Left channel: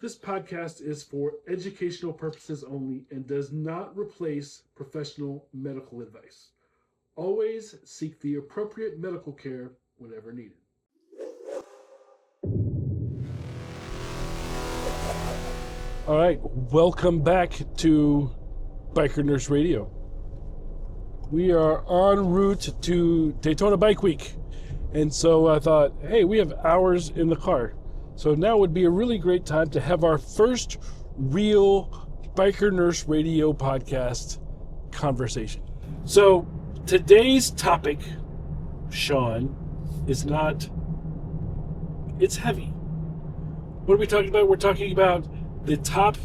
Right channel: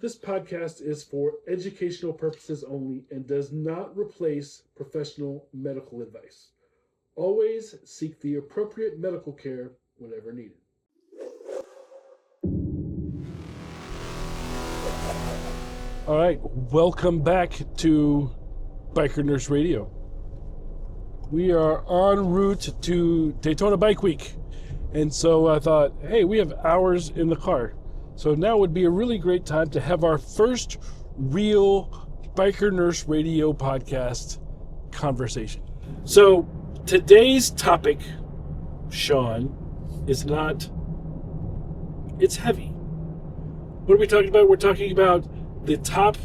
This podcast is for educational purposes only and does not replace professional medical advice. Always seek the appropriate medical care whenever needed. All right, welcome back to Biker Nurse Radio. We are en route to Daytona Bike Week, and so I thought, hey, we have hours in the car. So now would be a really great time to have our first real Biker Nurse Radio podcast conversation. So today's topic, Sean, is it's heavy. What are we talking about? We're talking about the top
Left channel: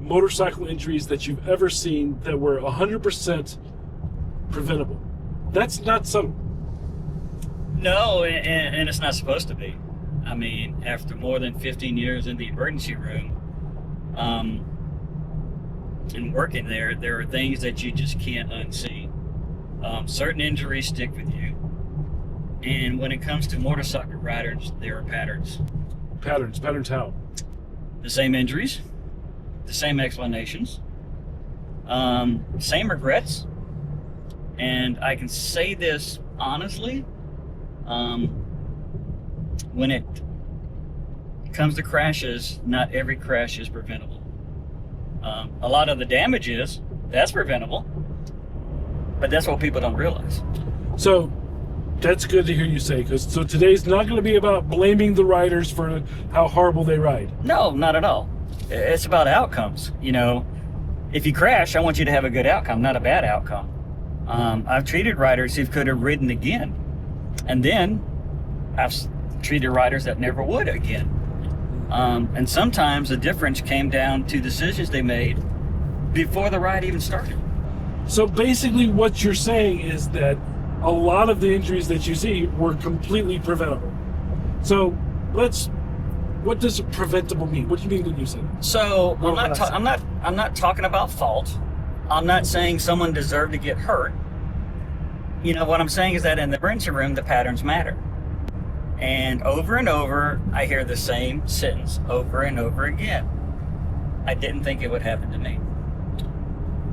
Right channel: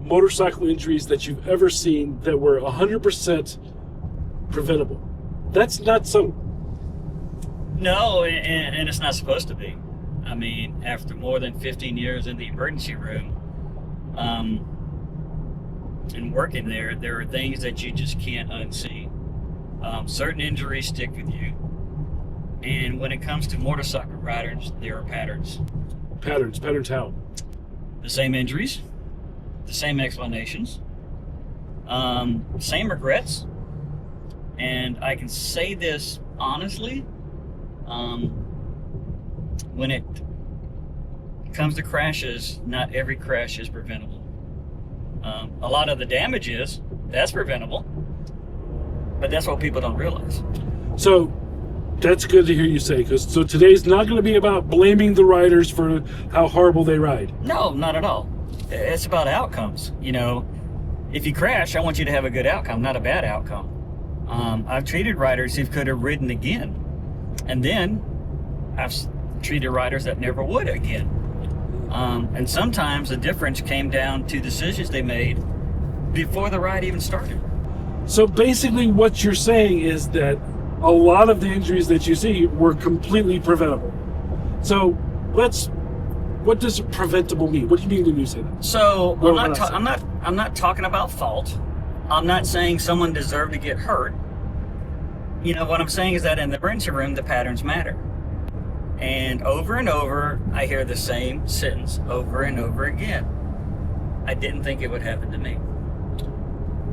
motorcycle injuries that you've ever seen that were 100% preventable. That's not subtle. No, and it's not supposed to be. I mean, after more than 15 years in the emergency room, and working there are things that you just can't unsee. Certain injuries stick with you. And when it comes to motorcycle riders, there are patterns. Patterns how? The same injuries, the same explanations, same regrets. And I can say this honestly, when it comes to crashes, not every crash is preventable. A lot of the damage that's preventable, but that's what people don't realize. So that's good to hear you say, because so today's not going to be about blaming the riders for how horrible they ride. No, not at all. It's about outcomes. You know, if you crash, I want you to have a good outcome, not a bad outcome. I've treated riders who could have ridden again, and then I've treated riders that never would again. And sometimes the difference came down to decisions they made before the ride even started. So basically what you're saying is that a lot of the injuries that you see were completely preventable. So what does preventable mean? What do you mean when you say that? So I'm not talking about fault. I'm not saying someone deserved to get hurt. You know, what I'm saying is that in the emergency room, the patterns matter. And over, I hear the same sentence over and over again. I didn't think it would happen to me.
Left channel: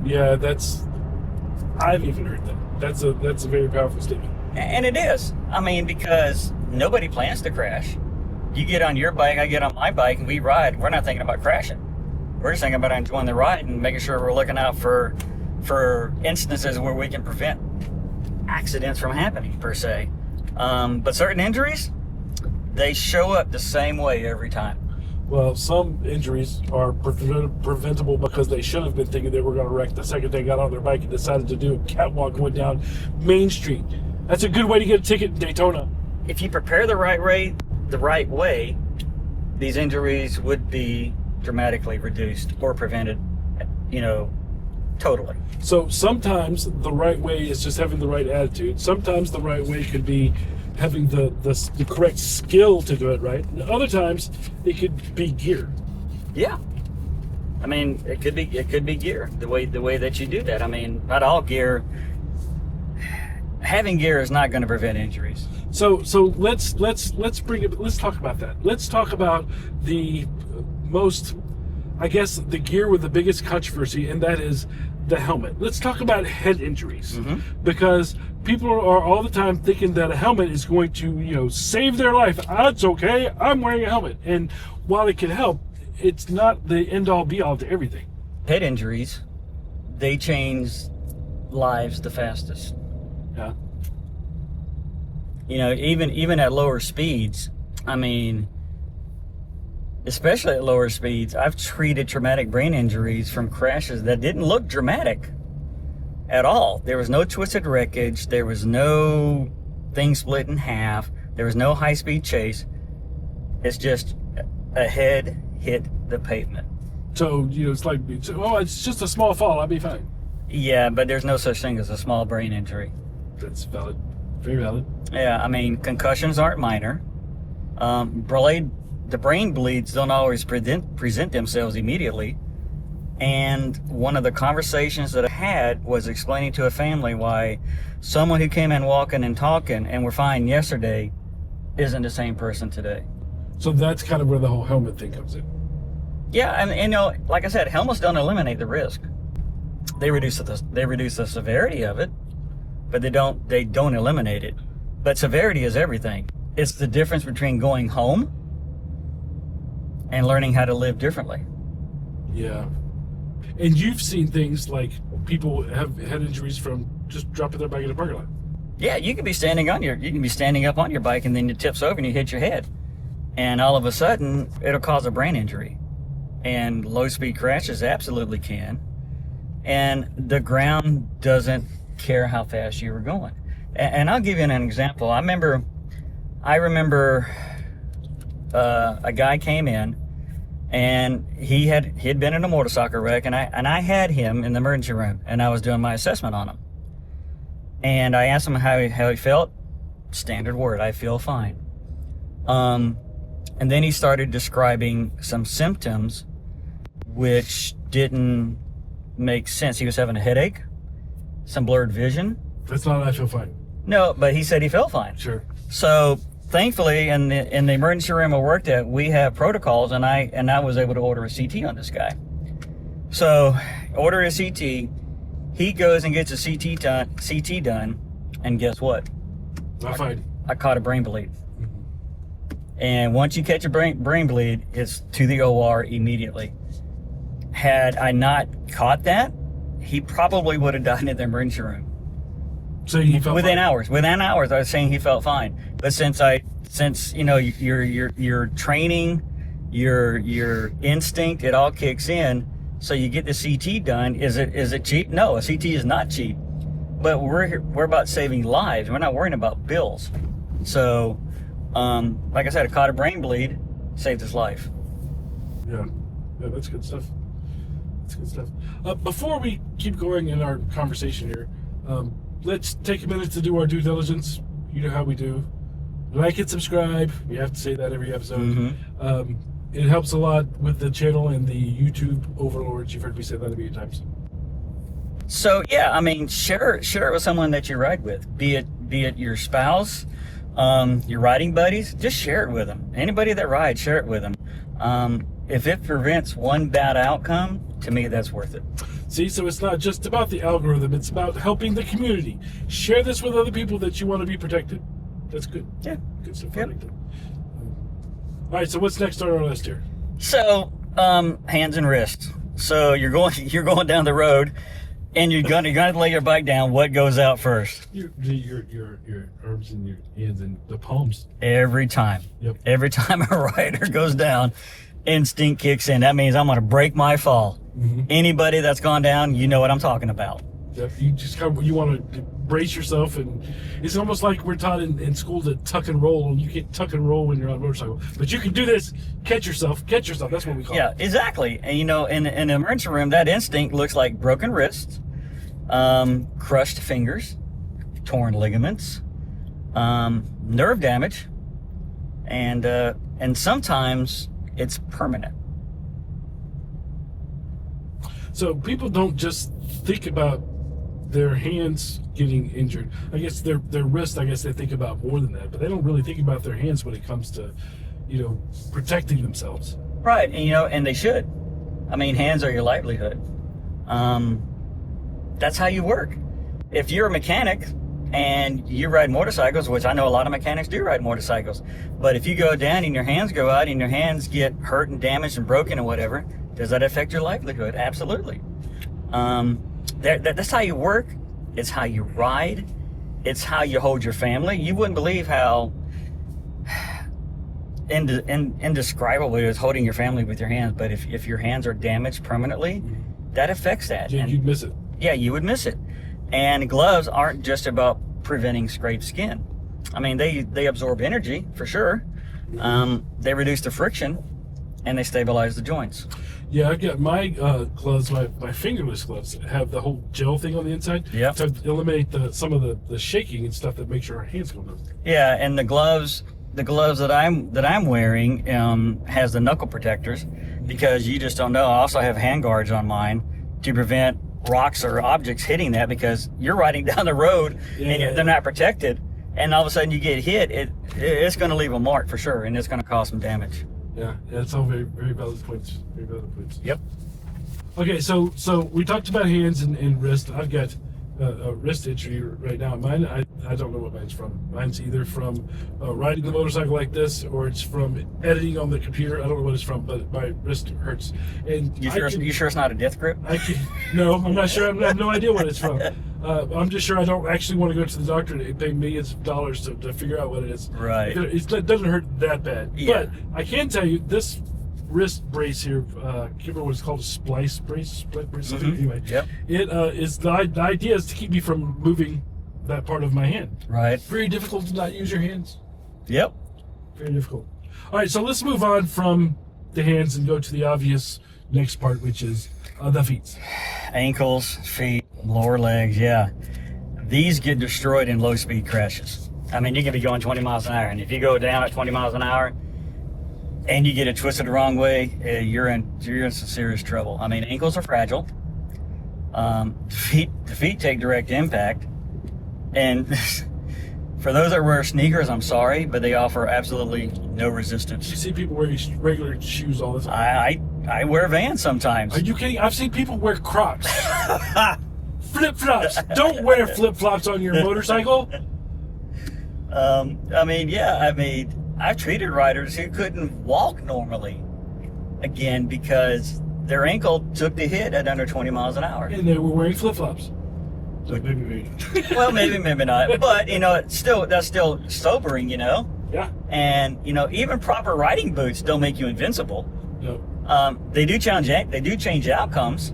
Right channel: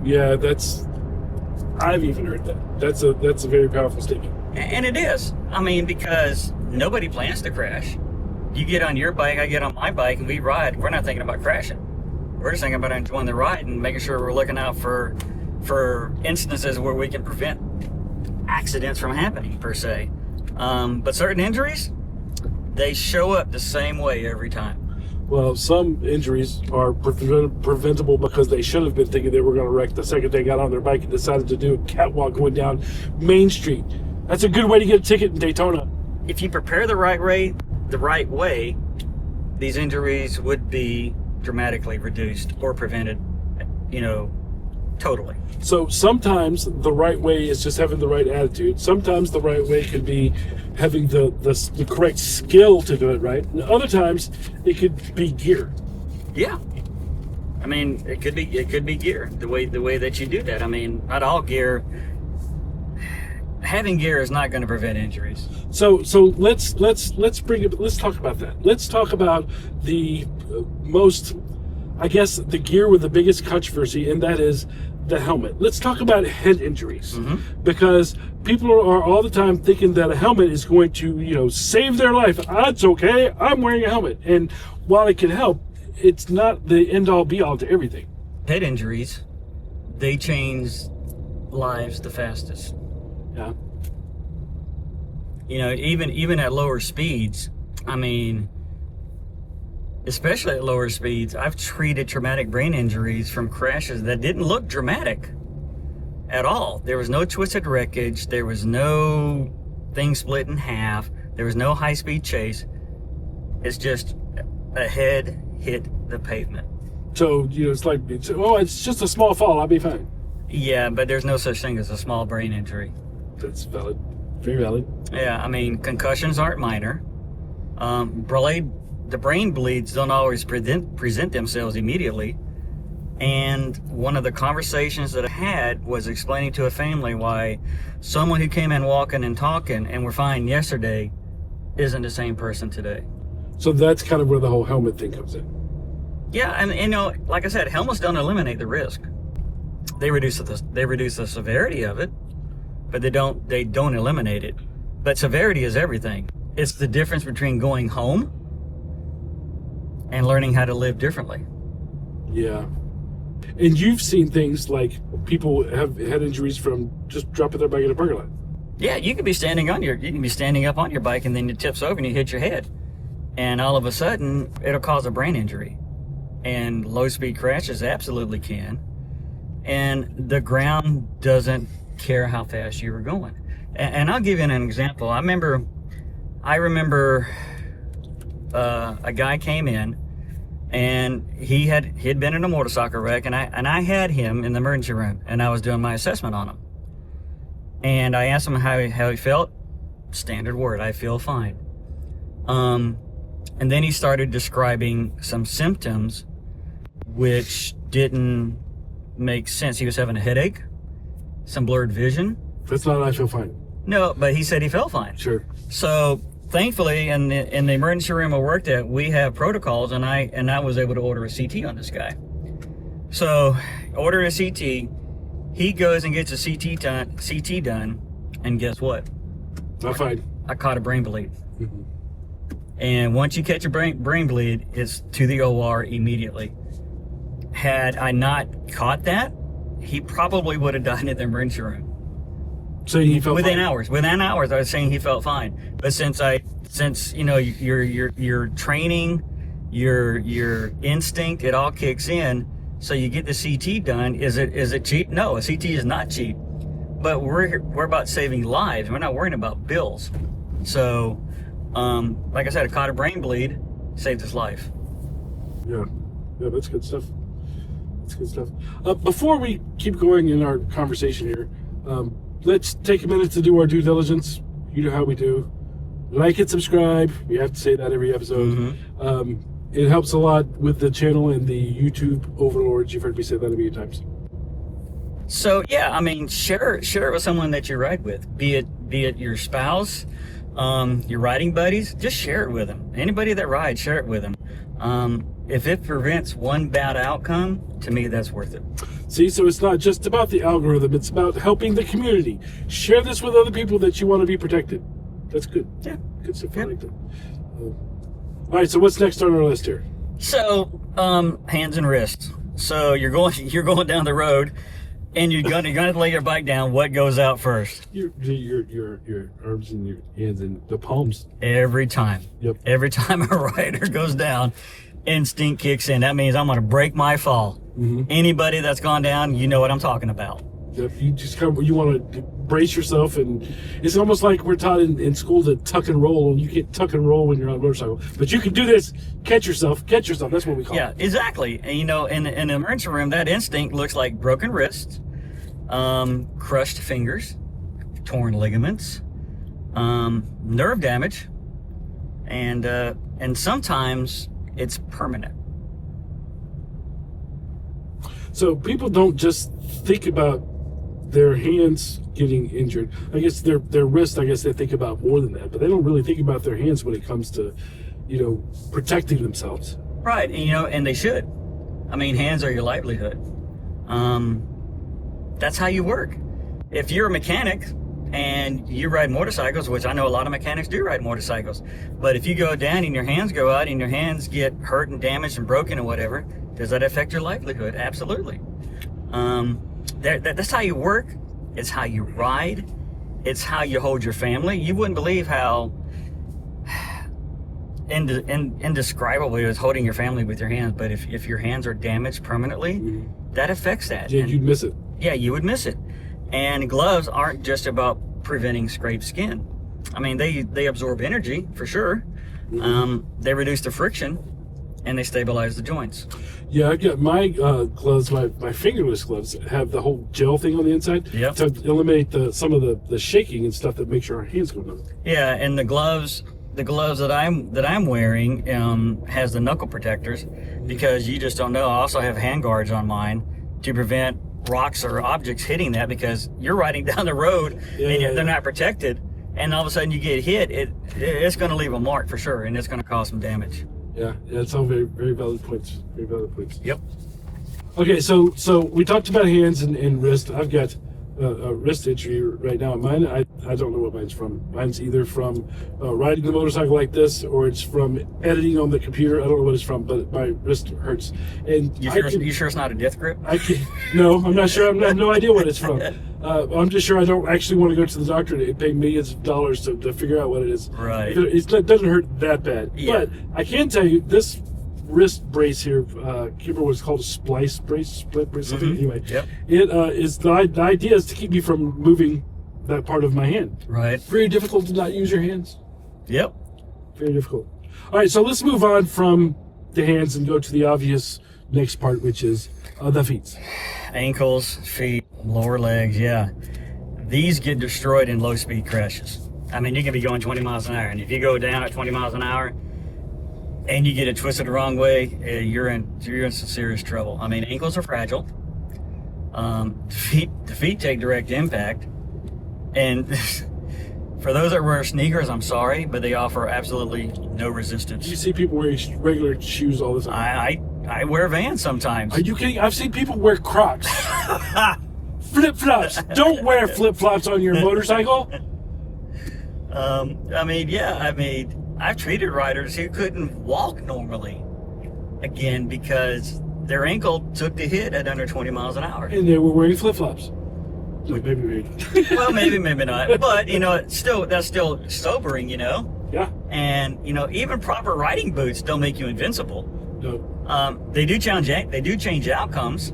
Yeah, I've even heard that. That's a very powerful statement. And it is. I mean, because nobody plans to crash. You get on your bike, I get on my bike, and we ride. We're not thinking about crashing. We're just thinking about enjoying the ride and making sure we're looking out for instances where we can prevent accidents from happening, per se. But certain injuries, they show up the same way every time. Well, some injuries are preventable because they should have been thinking they were going to wreck the second they got on their bike and decided to do a catwalk going down Main Street. That's a good way to get a ticket in Daytona. If you prepare the right way, these injuries would be dramatically reduced or prevented, totally. So sometimes the right way is just having the right attitude. Sometimes the right way could be having the correct skill to do it right. And other times it could be gear. Yeah. I mean, it could be gear, the way that you do that. I mean, not all gear. Having gear is not going to prevent injuries. So let's talk about that. Let's talk about the most, I guess, the gear with the biggest controversy, and that is the helmet. Let's talk about head injuries, because people are all the time thinking that a helmet is going to, save their life. It's okay, I'm wearing a helmet. And while it can help, it's not the end-all be-all to everything. Head injuries, they change lives the fastest. Yeah. Even at lower speeds, I mean, especially at lower speeds, I've treated traumatic brain injuries from crashes that didn't look dramatic at all. There was no twisted wreckage. There was no thing split in half. There was no high-speed chase. It's just a head hit the pavement. So, it's just a small fall, I'll be fine. Yeah, but there's no such thing as a small brain injury. That's valid. Very valid. Yeah, I mean, concussions aren't minor. The brain bleeds don't always present themselves immediately. And one of the conversations that I had was explaining to a family why someone who came in walking and talking and were fine yesterday isn't the same person today. So that's kind of where the whole helmet thing comes in. Yeah, and like I said, helmets don't eliminate the risk. They reduce the severity of it, but they don't eliminate it. But severity is everything. It's the difference between going home and learning how to live differently. Yeah. And you've seen things like people have had injuries from just dropping their bike in a parking lot. Yeah, you can be standing up on your bike and then it tips over and you hit your head. And all of a sudden, it'll cause a brain injury. And low-speed crashes absolutely can. And the ground doesn't care how fast you were going. And I'll give you an example. I remember a guy came in, and he'd been in a motorcycle wreck, and I had him in the emergency room, and I was doing my assessment on him. And I asked him how he felt. Standard word, I feel fine. And then he started describing some symptoms which didn't make sense. He was having a headache, some blurred vision. That's not I feel fine. No, but he said he felt fine. Sure. So thankfully, in the emergency room I worked at, we have protocols, and I was able to order a CT on this guy. So order a CT. He goes and gets a CT done, and guess what? Not fine. I caught a brain bleed. Mm-hmm. And once you catch a brain bleed, it's to the OR immediately. Had I not caught that, he probably would have died in the emergency room. So he felt within fine. hours. Within hours, I was saying he felt fine. But since your training, your instinct, it all kicks in. So you get the CT done. Is it cheap? No, a CT is not cheap. But we're about saving lives. We're not worrying about bills. So, like I said, I caught a brain bleed, saved his life. Yeah, that's good stuff. That's good stuff. Before we keep going in our conversation here, let's take a minute to do our due diligence. You know how we do. Like and subscribe. We have to say that every episode. Mm-hmm. It helps a lot with the channel and the YouTube overlords. You've heard me say that a million times. So yeah, I mean, share it with someone that you ride with. Be it your spouse, your riding buddies. Just share it with them. Anybody that rides, share it with them. If it prevents one bad outcome, to me, that's worth it. See, so it's not just about the algorithm. It's about helping the community. Share this with other people that you want to be protected. That's good. Yeah. Good stuff. Yep. I like that. All right, so what's next on our list here? So, hands and wrists. So you're going down the road, and you're gonna lay your bike down. What goes out first? Your arms and your hands and the palms. Every time. Yep. Every time a rider goes down, instinct kicks in. That means I'm gonna break my fall. Mm-hmm. Anybody that's gone down, you know what I'm talking about. Yep. You just you want to brace yourself, and it's almost like we're taught in school to tuck and roll, and you can't tuck and roll when you're on a motorcycle. But you can do this. Catch yourself. That's what we call it. Yeah, exactly. And in the emergency room, that instinct looks like broken wrists, crushed fingers, torn ligaments, nerve damage, and sometimes it's permanent. So people don't just think about their hands getting injured. I guess their wrist, I guess they think about more than that, but they don't really think about their hands when it comes to, protecting themselves. Right, and they should. I mean, hands are your livelihood. That's how you work. If you're a mechanic and you ride motorcycles, which I know a lot of mechanics do ride motorcycles, but if you go down and your hands go out and your hands get hurt and damaged and broken or whatever, does that affect your livelihood? Absolutely. That's how you work. It's how you ride. It's how you hold your family. You wouldn't believe how indescribable it is holding your family with your hands. But if your hands are damaged permanently, that affects that. Yeah, you'd miss it. Yeah, you would miss it. And gloves aren't just about preventing scraped skin. I mean, they absorb energy for sure. They reduce the friction, and they stabilize the joints. Yeah, I got my gloves, my fingerless gloves have the whole gel thing on the inside to eliminate some of the shaking and stuff that makes your hands go numb. Yeah, and the gloves that I'm wearing has the knuckle protectors, because you just don't know. I also have hand guards on mine to prevent rocks or objects hitting that, because you're riding down the road and they're not protected, and all of a sudden you get hit. It's going to leave a mark for sure, and it's going to cause some damage. Yeah, it's all very, very valid points. Very valid points. Yep. Okay, so we talked about hands and wrist. I've got a wrist injury right now. Mine, I don't know what mine's from. Mine's either from riding the motorcycle like this, or it's from editing on the computer. I don't know what it's from, but my wrist hurts. And You sure it's not a death grip? No, I'm not sure. I have no idea what it's from. I'm just sure I don't actually want to go to the doctor and pay millions of dollars to figure out what it is. Right. It doesn't hurt that bad. Yeah. But I can tell you, this wrist brace here, I can't remember what it's called, a split brace, something. Anyway, Yep. it is the idea is to keep me from moving that part of my hand. Right. Very difficult to not use your hands. Yep. Very difficult. All right, so let's move on from the hands and go to the obvious next part, which is the feet. Ankles, feet, lower legs, yeah. These get destroyed in low-speed crashes. I mean, you can be going 20 miles an hour, and if you go down at 20 miles an hour and you get it twisted the wrong way, you're in some serious trouble. I mean, ankles are fragile. The feet take direct impact, and for those that wear sneakers, I'm sorry, but they offer absolutely no resistance. You see people wearing regular shoes all the time. I wear Vans sometimes. Are you kidding? I've seen people wear Crocs. Flip-flops. Don't wear flip-flops on your motorcycle. I've treated riders who couldn't walk normally, again, because their ankle took the hit at under 20 miles an hour. And they were wearing flip-flops. So maybe. Well, maybe not. But, that's still sobering, Yeah. And, even proper riding boots don't make you invincible. No. They do change outcomes.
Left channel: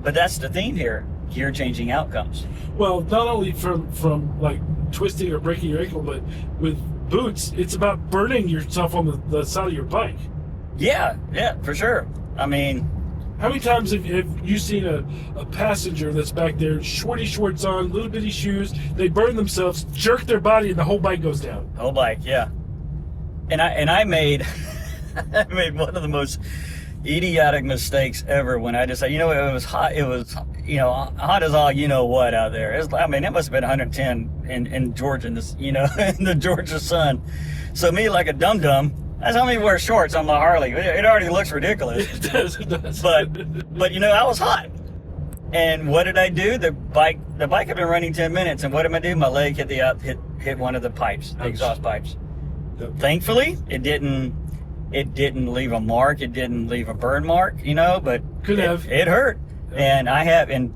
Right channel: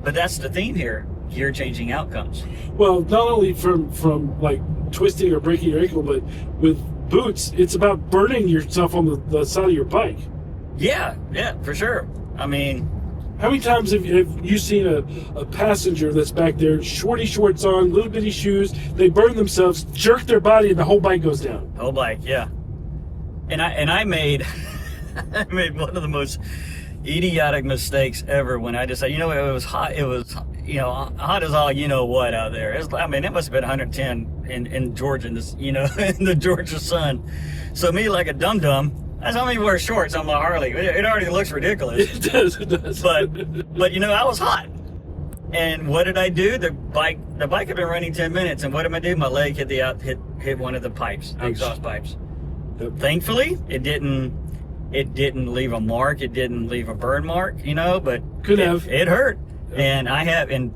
But that's the theme here. You're changing outcomes. Well, not only from like twisting or breaking your ankle, but with boots, it's about burning yourself on the side of your bike. Yeah, for sure. I mean, how many times have you seen a passenger that's back there, shorty shorts on, little bitty shoes, they burn themselves, jerk their body, and the whole bike goes down? Whole bike, yeah. And I made I made one of the most idiotic mistakes ever when I decided, it was hot. It was, hot as all what out there. It must have been 110 in Georgia, in the Georgia sun. So me, like a dum-dum, that's how many wear shorts on my Harley. It already looks ridiculous. It does. But I was hot. And what did I do? The bike had been running 10 minutes, and what did I do? My leg hit one of the pipes, the exhaust pipes. Yep. Thankfully, it didn't leave a mark. It didn't leave a burn mark, but Could have. It hurt. Yep. And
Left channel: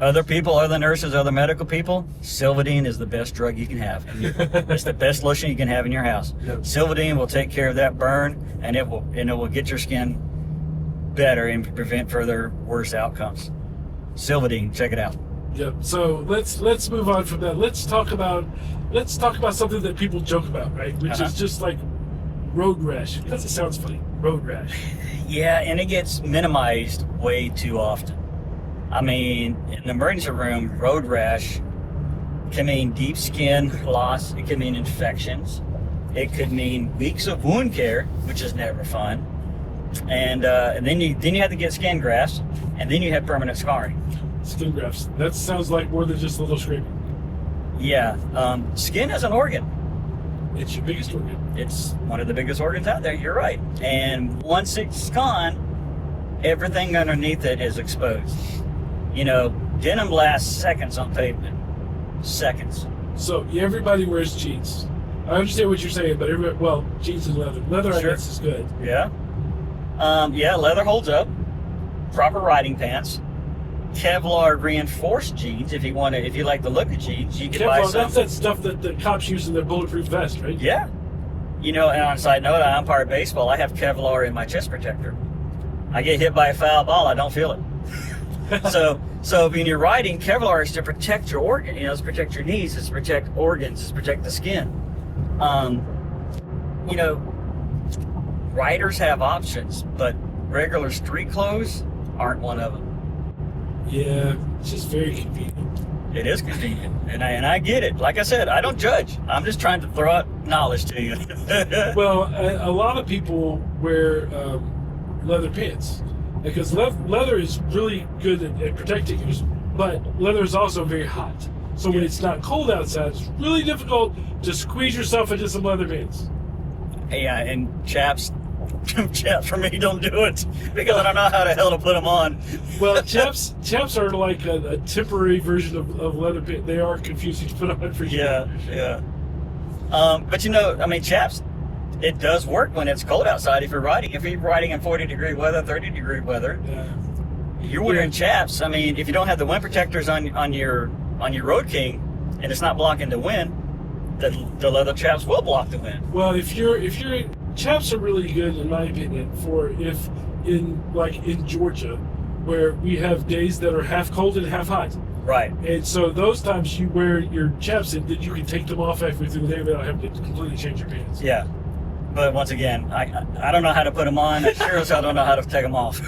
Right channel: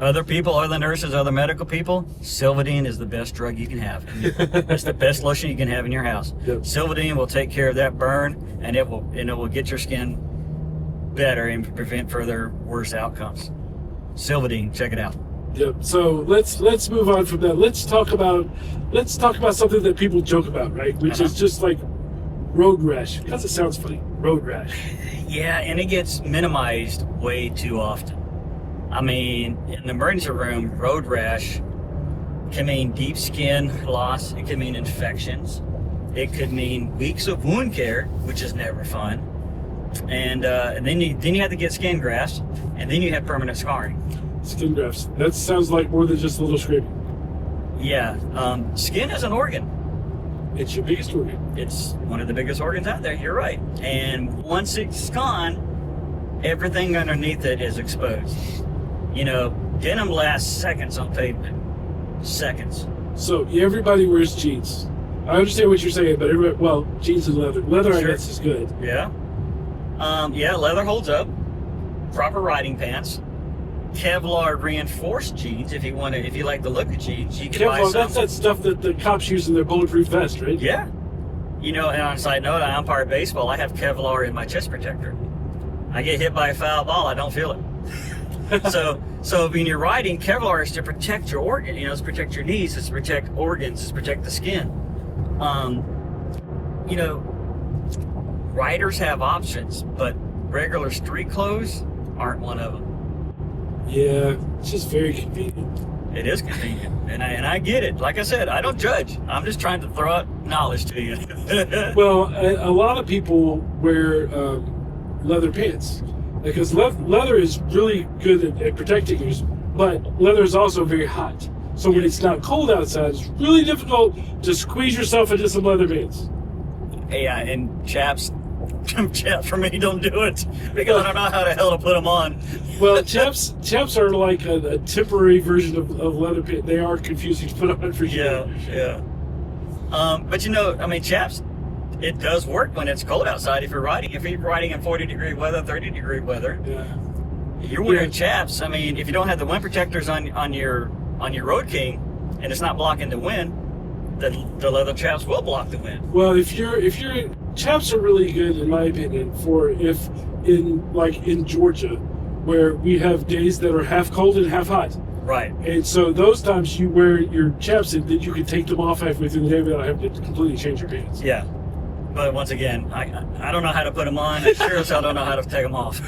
other people, other nurses, other medical people, Silvadene is the best drug you can have. It's the best lotion you can have in your house. Yep. Silvadene will take care of that burn, and it will get your skin better and prevent further worse outcomes. Silvadene, check it out. Yep. So let's move on from that. Let's talk about something that people joke about, right? Which is just like road rash. Because it sounds funny. Road rash. Yeah, and it gets minimized way too often. I mean, in the emergency room, road rash can mean deep skin loss. It can mean infections. It could mean weeks of wound care, which is never fun. And then you have to get skin grafts, and then you have permanent scarring. Skin grafts. That sounds like more than just a little scraping. Yeah, skin is an organ. It's your biggest organ. It's one of the biggest organs out there. You're right. And once it's gone, everything underneath it is exposed. Denim lasts seconds on pavement. Seconds. So everybody wears jeans. I understand what you're saying, but jeans and leather. Leather, I guess, is good. Yeah. Leather holds up. Proper riding pants. Kevlar reinforced jeans. If you like the look of jeans, you can buy Kevlar, some. that's that stuff that the cops use in their bulletproof vest, right? Yeah. And on a side note, I umpire baseball. I have Kevlar in my chest protector. I get hit by a foul ball, I don't feel it. So when you're riding, Kevlar is to protect your organ. It's to protect your knees. It's to protect organs. It's to protect the skin. Riders have options, but regular street clothes aren't one of them. Yeah, it's just very convenient. It is convenient, and I get it. Like I said, I don't judge. I'm just trying to throw out knowledge to you. Well, a lot of people wear leather pants because leather is really good at protecting you, but leather is also very hot. So when it's not cold outside, it's really difficult to squeeze yourself into some leather pants. Yeah, and chaps for me don't do it because I don't know how the hell to put them on. Well, chaps are like a temporary version of leather pants. They are confusing to put on for sure. Yeah. But I mean, chaps, it does work when it's cold outside. If you're riding in 40-degree weather, 30-degree weather, Yeah. you're wearing chaps. I mean, if you don't have the wind protectors on your Road King, and it's not blocking the wind, the leather chaps will block the wind. Well, if you're chaps are really good in my opinion for if in Georgia, where we have days that are half cold and half hot. Right. And so those times you wear your chaps and then you can take them off halfway through the day without having to completely change your pants. Yeah. But once again, I don't know how to put them on. I sure as hell don't know how to take them off.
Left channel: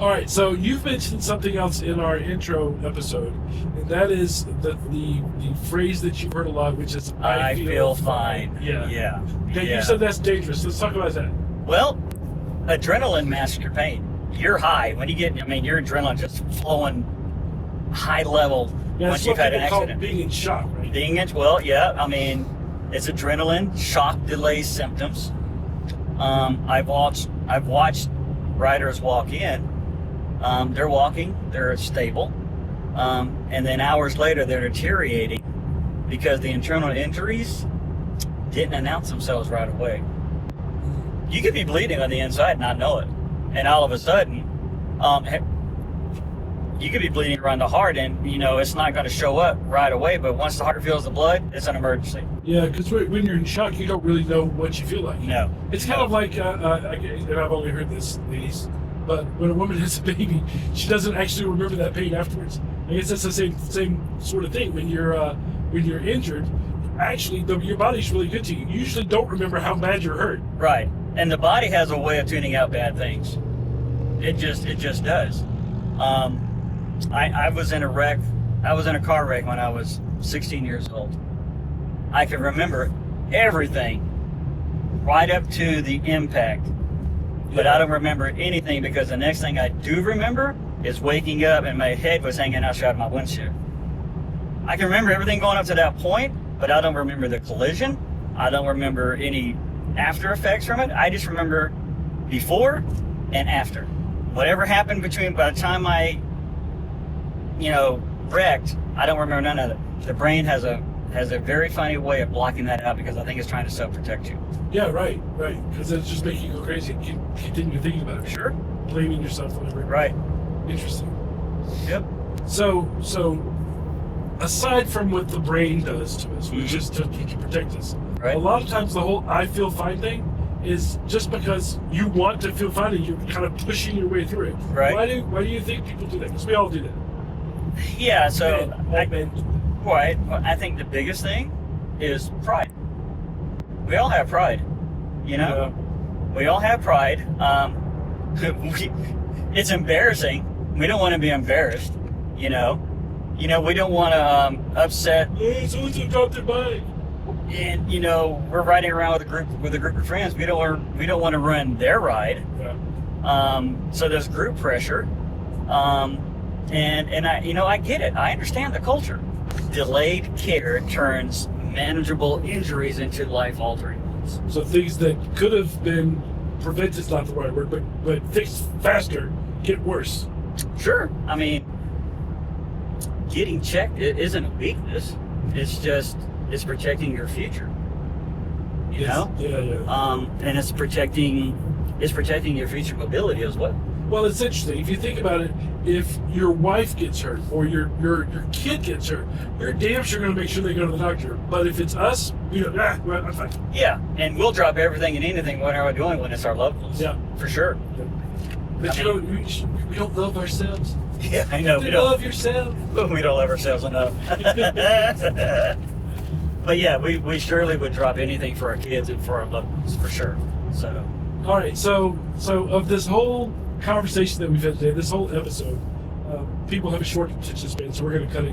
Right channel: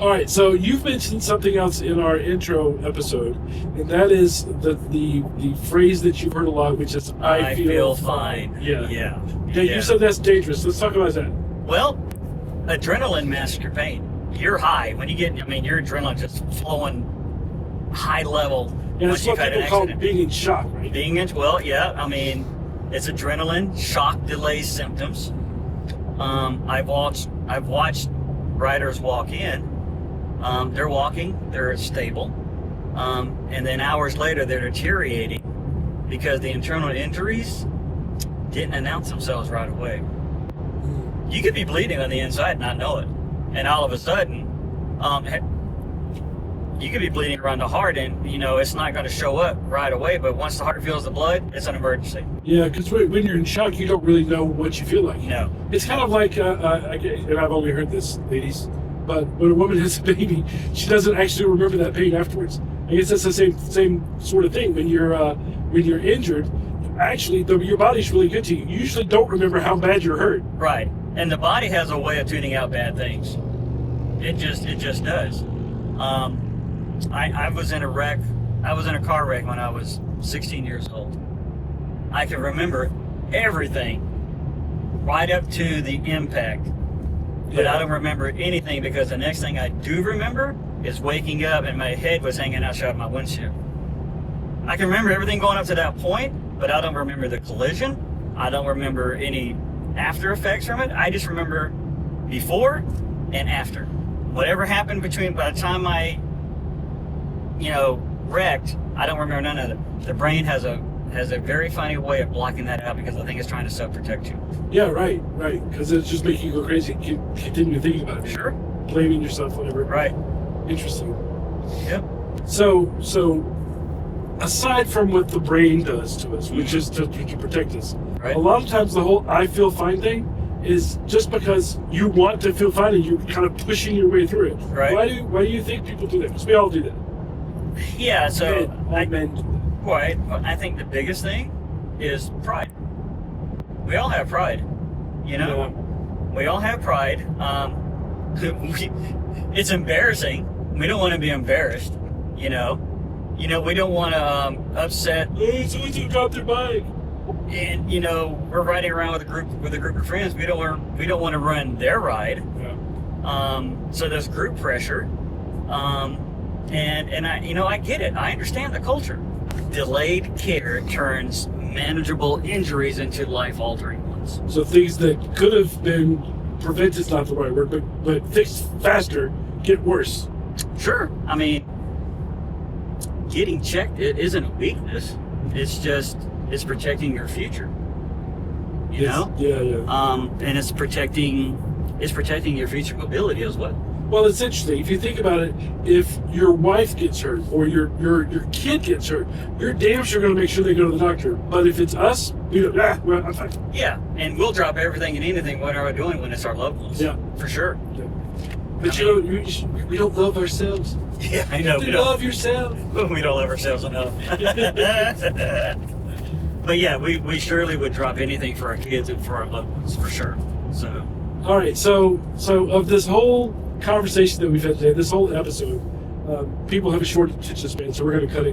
All right, so you've mentioned something else in our intro episode, and that is the phrase that you've heard a lot, which is "I feel fine." Yeah. Yeah. You said that's dangerous. Let's talk about that. Well, adrenaline masks your pain. You're high when you get. I mean, your adrenaline just flowing high level Yeah, once that's you've what had an people call accident. being in shock, right? Well, yeah. I mean, it's adrenaline shock delay symptoms. I've watched riders walk in. They're walking, they're stable, and then hours later they're deteriorating because the internal injuries didn't announce themselves right away. You could be bleeding on the inside and not know it, and all of a sudden, you could be bleeding around the heart, and it's not going to show up right away. But once the heart feels the blood, it's an emergency. Yeah, because when you're in shock, you don't really know what you feel like. No, It's kind of like, and I've only heard this, ladies, but when a woman has a baby, she doesn't actually remember that pain afterwards. I guess that's the same sort of thing. When you're injured, actually, your body's really good to you. You usually don't remember how bad you're hurt. right. And the body has a way of tuning out bad things. It just does. I was in a wreck. I was in a car wreck when I was 16 years old. I can remember everything right up to the impact. But I don't remember anything because the next thing I do remember is waking up and my head was hanging outside my windshield. I can remember everything going up to that point, but I don't remember the collision. I don't remember any after effects from it. I just remember before and after. Whatever happened by the time I, wrecked, I don't remember none of it. The brain has a very funny way of blocking that out because I think it's trying to self-protect you. Yeah, right. Because it's just making you go crazy. Continue thinking about it. Sure. Blaming yourself, whatever. Right. Interesting. Yep. So aside from what the brain does to us, which is to protect us, Right. a lot of times the whole "I feel fine" thing is just because you want to feel fine and you're kind of pushing your way through it. Right. Why do you think people do that? Because we all do that. Yeah. So Men do that. Right. I think the biggest thing is pride. We all have pride. Yeah. We all have pride. It's embarrassing. We don't want to be embarrassed. We don't want to upset. Oh, someone just dropped their bike. And we're riding around with a group of friends. We don't want to ruin their ride. Yeah. So there's group pressure. And I get it. I understand the culture. Delayed care turns manageable injuries into life-altering ones. So things that could have been prevented is not the right word, but fixed faster get worse. Sure. I mean, getting checked isn't a weakness. It's protecting your future. You know? Yeah. And it's protecting your future mobility as well. Well, it's interesting. If you think about it, if your wife gets hurt or your kid gets hurt, you're damn sure going to make sure they go to the doctor. But if it's us, I'm fine. Yeah, and we'll drop everything and anything what are we doing when it's our loved ones. Yeah. For sure. Yeah. But we don't love ourselves. Yeah, I know. You love yourself. We don't love ourselves enough. But yeah, we surely would drop anything for our kids and for our loved ones, for sure. So. All right, so of this whole conversation that we've had today, this whole episode, people have a short attention span, so we're going to cut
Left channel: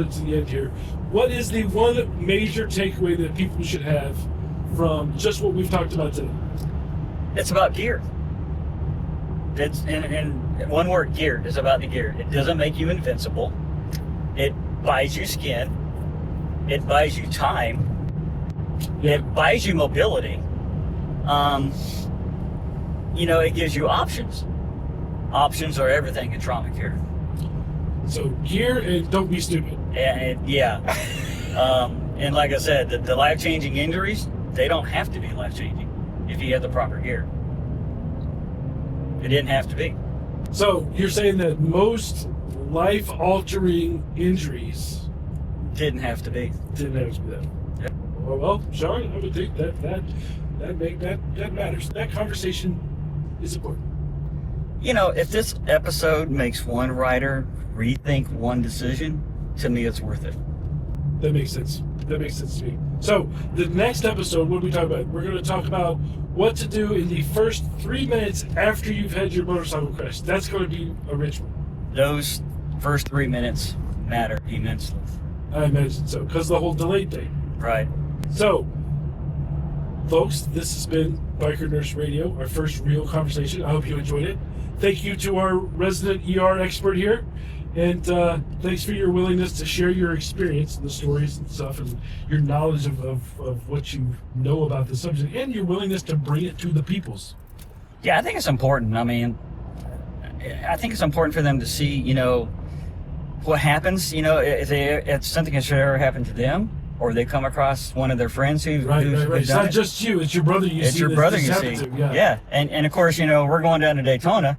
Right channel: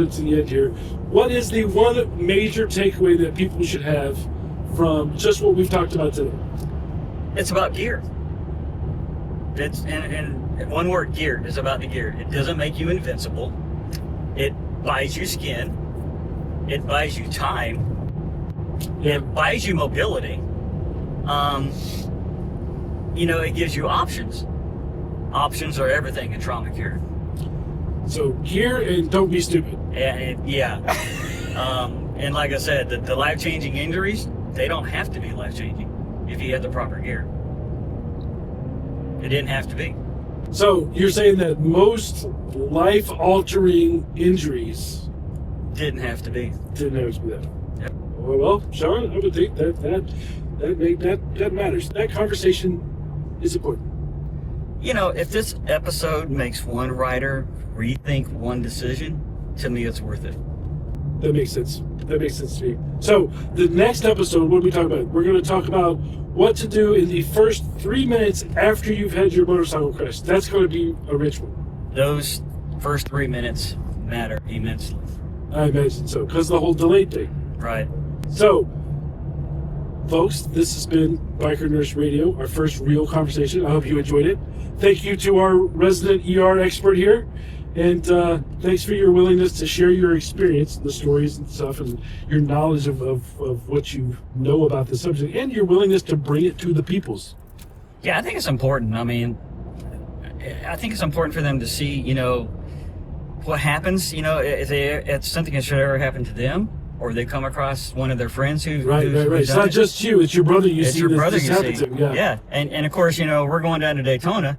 it to the end here. What is the one major takeaway that people should have from just what we've talked about today? It's about gear. It's in one word, gear. It's about the gear. It doesn't make you invincible. It buys you skin. It buys you time. It buys you mobility. It gives you options. Options are everything in trauma care. So gear and don't be stupid. And like I said, the life-changing injuries, they don't have to be life-changing if you have the proper gear. It didn't have to be. So you're saying that most life-altering injuries Didn't have to be. didn't have to be that. Yep. Well, Sean, I would think that matters. That conversation is important. If this episode makes one rider rethink one decision, to me it's worth it. That makes sense. That makes sense to me. So the next episode, what are we talking about? We're going to talk about what to do in the first 3 minutes after you've had your motorcycle crash. That's going to be a rich one. Those first 3 minutes matter immensely. I imagine so, because the whole delayed thing. Right. So, folks, this has been Biker Nurse Radio, our first real conversation. I hope you enjoyed it. Thank you to our resident ER expert here. And thanks for your willingness to share your experience, the stories and stuff, and your knowledge of what you know about the subject, and your willingness to bring it to the peoples. Yeah, I think it's important. I mean, I think it's important for them to see, what happens, if something that should ever happen to them, or they come across one of their friends who's Right. It's not it. just you; it's your brother you It's see. your brother this you happen see. to. Yeah. And of course, we're going down to Daytona.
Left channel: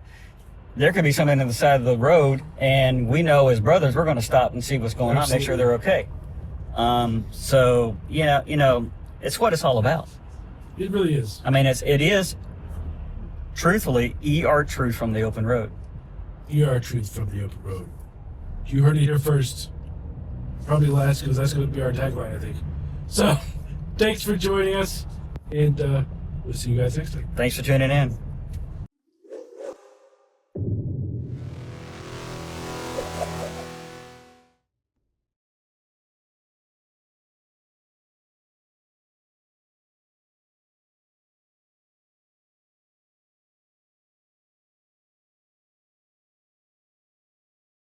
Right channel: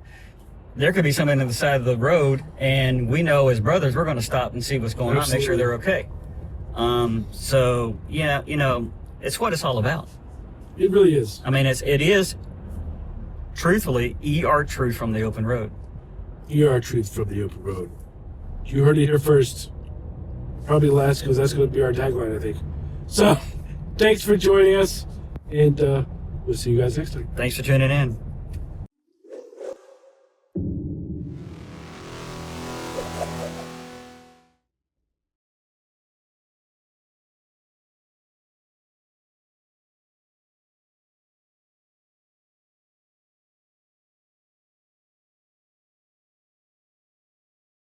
There could be something on the side of the road, and we know as brothers, we're going to stop and see what's going on, make sure they're okay. So, it's what it's all about. It really is. I mean, it is, truthfully, ER truth from the open road. ER truth from the open road. You heard it here first. Probably last, because that's going to be our tagline, I think. So, thanks for joining us, and we'll see you guys next time. Thanks for tuning in.